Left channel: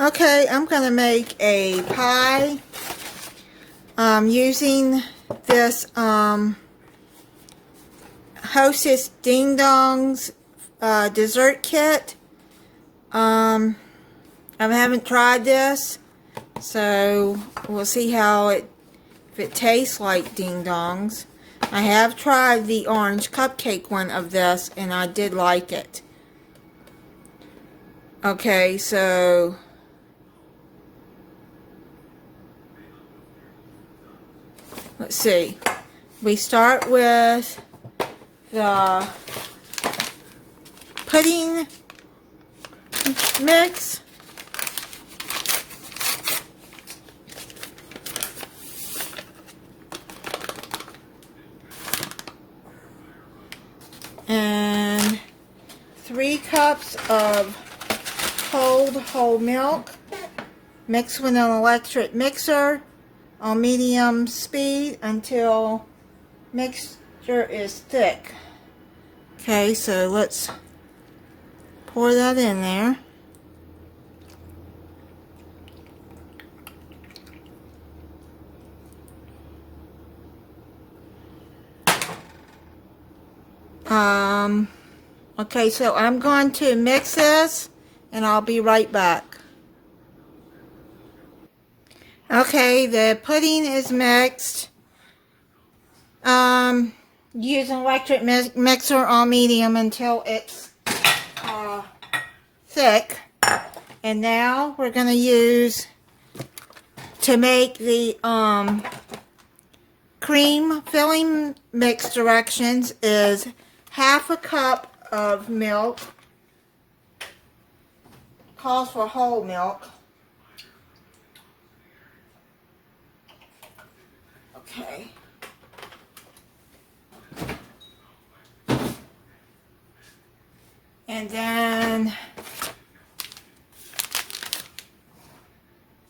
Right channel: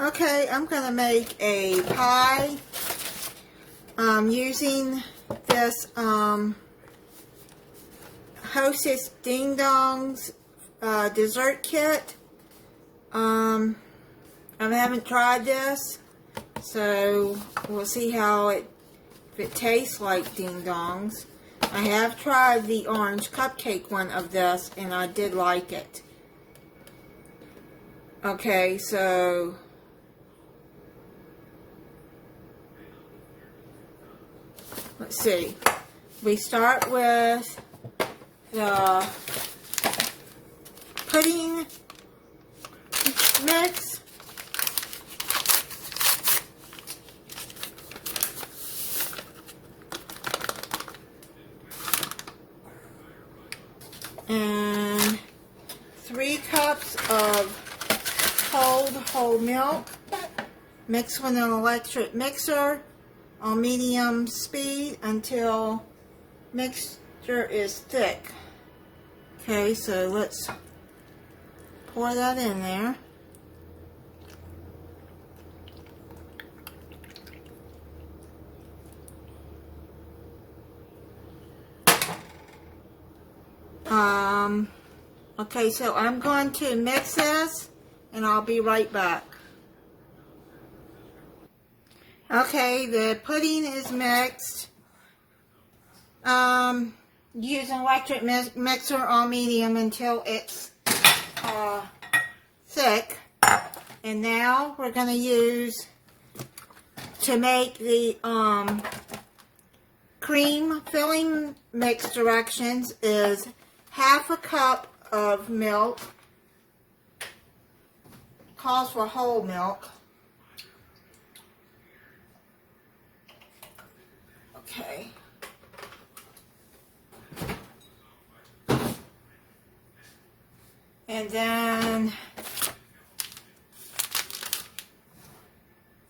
Okay, I'm going to make a pie using this Hostess Ding Dongs dessert kit. I haven't tried this, so we'll see how if it tastes like Ding Dongs. I have tried the orange cupcake one of this, and I did like it. Okay, so let's see. We start with the pudding mix. And 3 cups of cold whole milk mixed with an electric mixer on medium speed until mixture is thick. Okay, so let's pour that in there. Okay, so I'm going to mix this and I'll be right back. Okay, the pudding is mixed. Use an electric mixer on medium until it's thick. And now we're going to use, to make the cream filling mix directions, is 1/2 cup of milk. Calls for whole milk. Okay. And then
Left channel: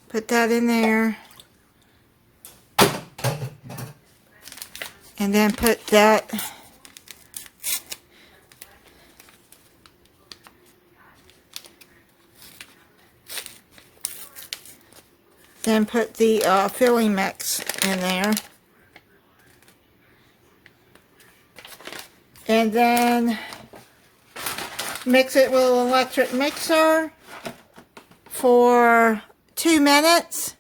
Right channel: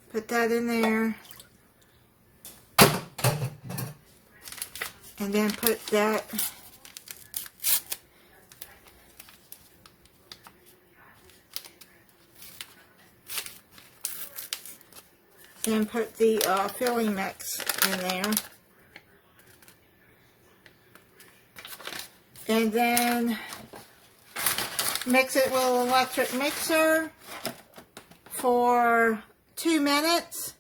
put that in there. And then put that put the filling mix in there. And then mix it with an electric mixer for 2 minutes.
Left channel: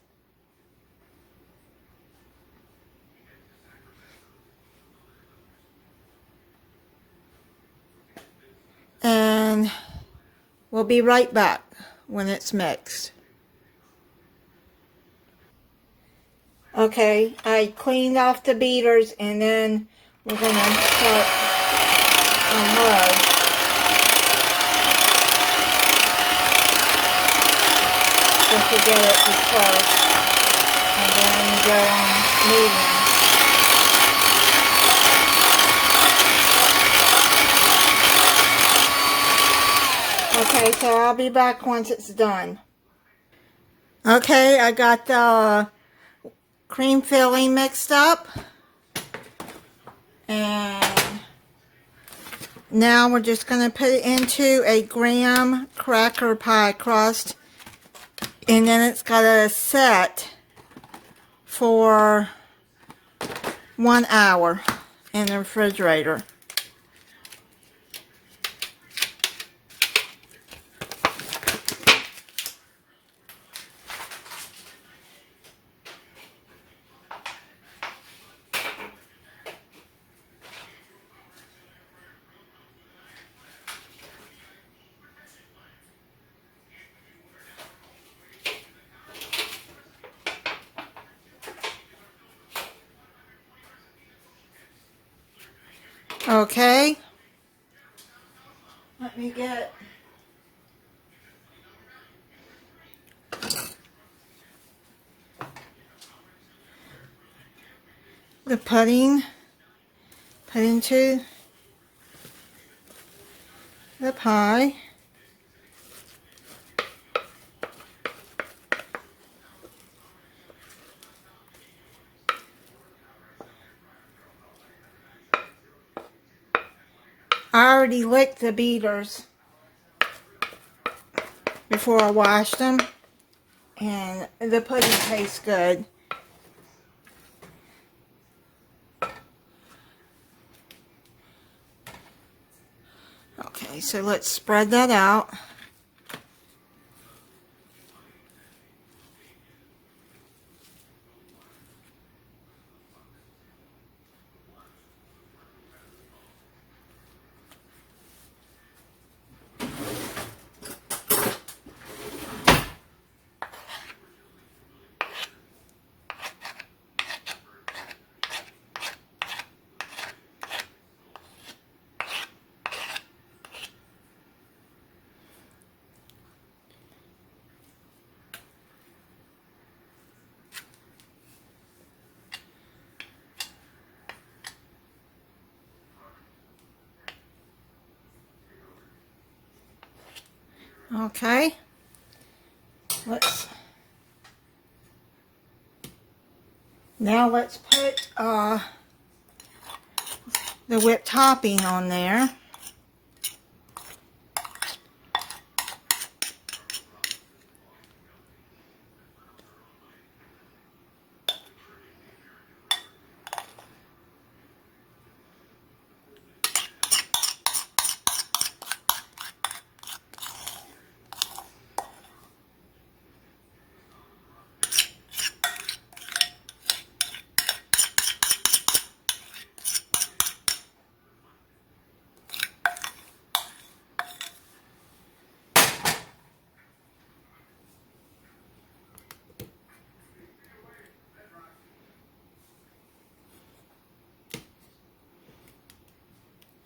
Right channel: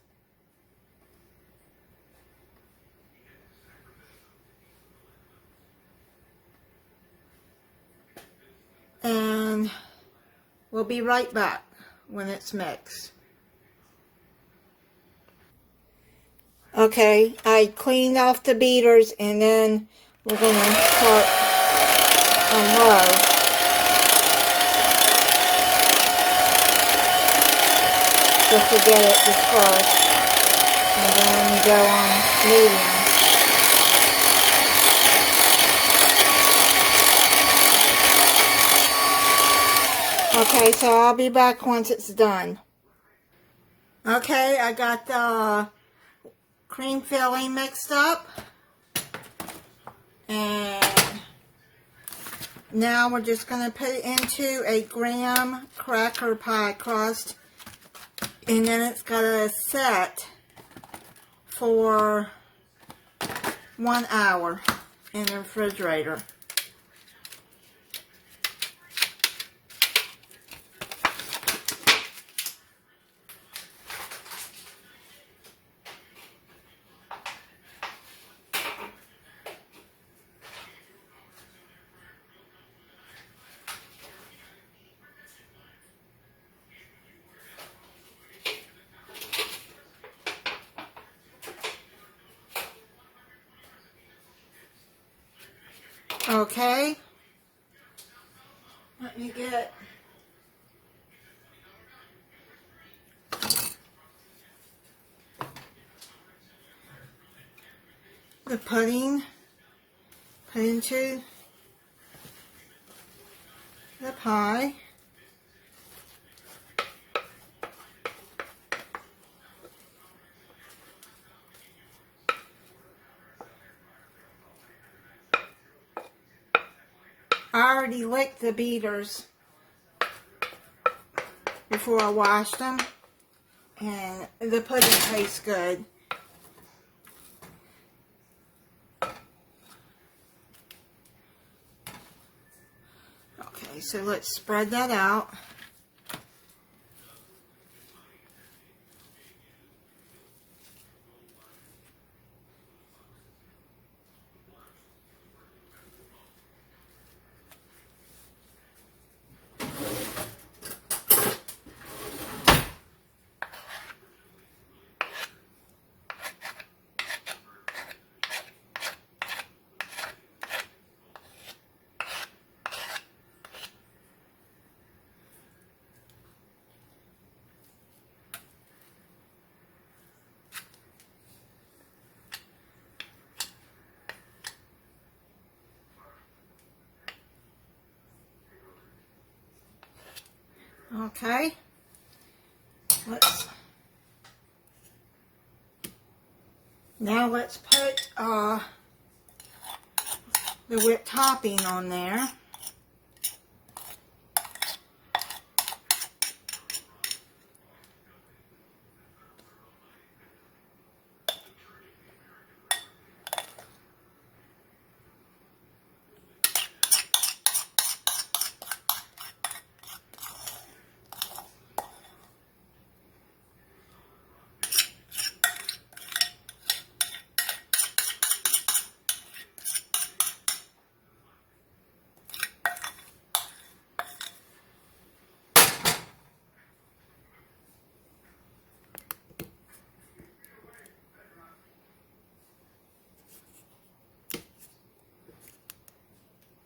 And we'll be right back when it's mixed. Okay, I cleaned off the beaters, and then we're going to start on low. Just to get it dispersed. And then we go on medium. Okay, so I'll be back once it's done. Okay, I got the cream filling mixed up. And now we're just going to put it into a graham cracker pie crust. And then it's got to set for 1 hour in the refrigerator. Okay, let me get the pudding put into the pie. I already licked the beaters before I washed them. And the pudding tastes good. Okay, so let's spread that out. Okay, now let's put the whipped topping on there.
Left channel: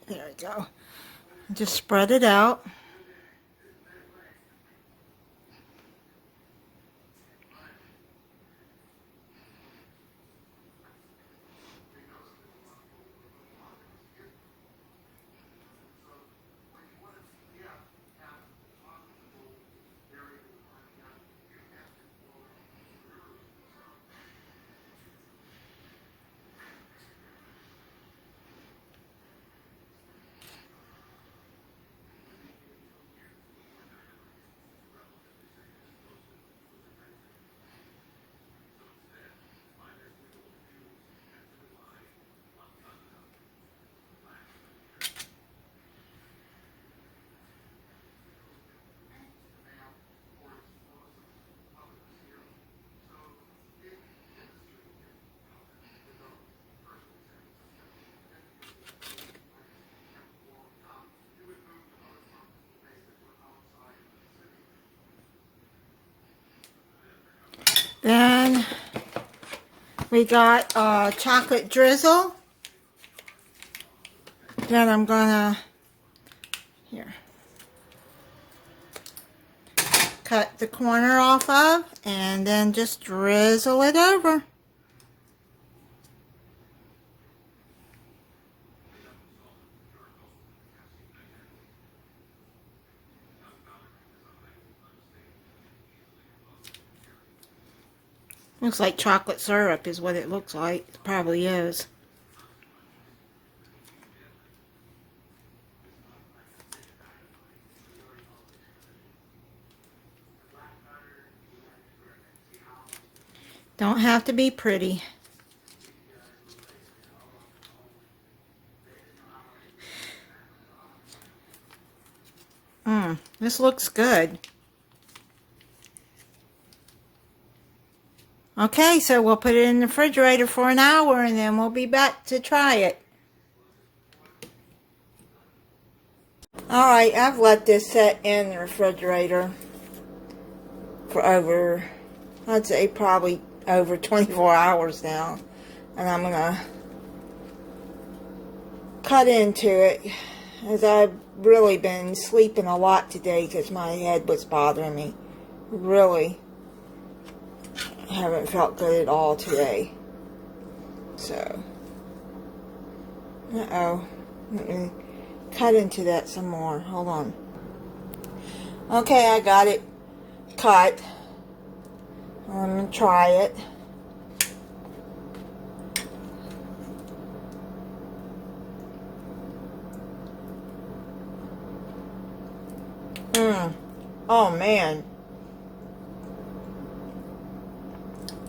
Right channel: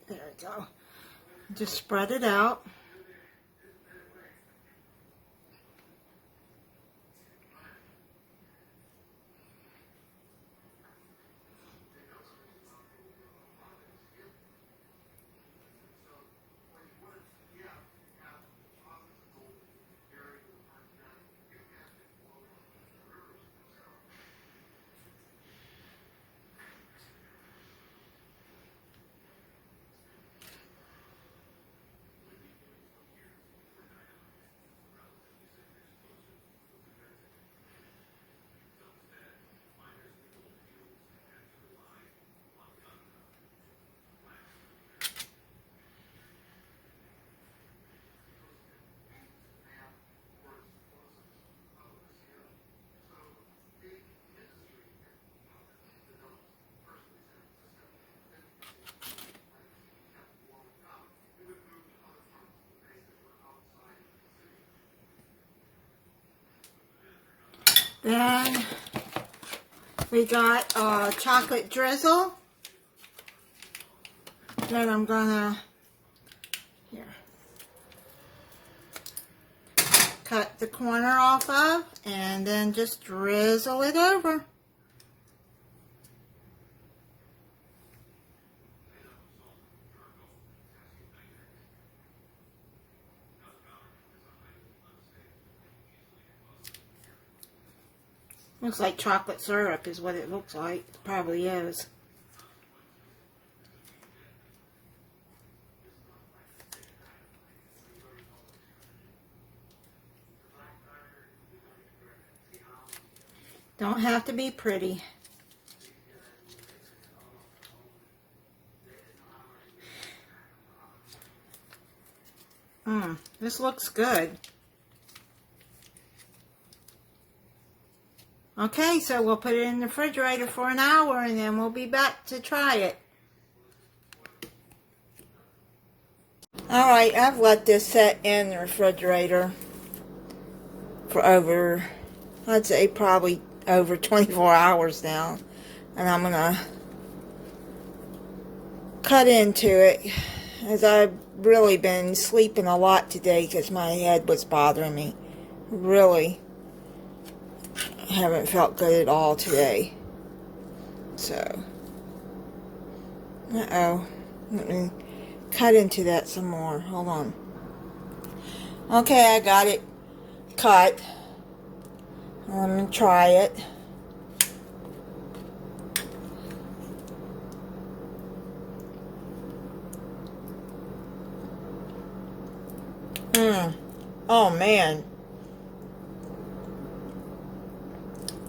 There we go. Just spread it out. Then we got chocolate drizzle. Then I'm gonna cut the corner off of, and then just drizzle it over. Looks like chocolate syrup is what it looks like. It probably is. Don't have to be pretty. This looks good. Okay, so we'll put it in the refrigerator for an hour and then we'll be back to try it. Alright, I've let this set in the refrigerator for over, I'd say probably over 24 hours now. And I'm gonna cut into it, as I've really been sleeping a lot today because my head was bothering me. Really haven't felt good at all today. So, let me cut into that some more. Hold on. Okay, I got it cut. Let me try it. Oh man.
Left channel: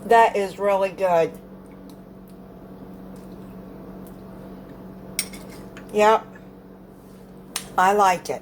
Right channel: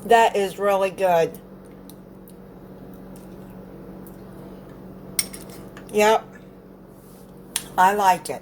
That is really good. Yep. I like it.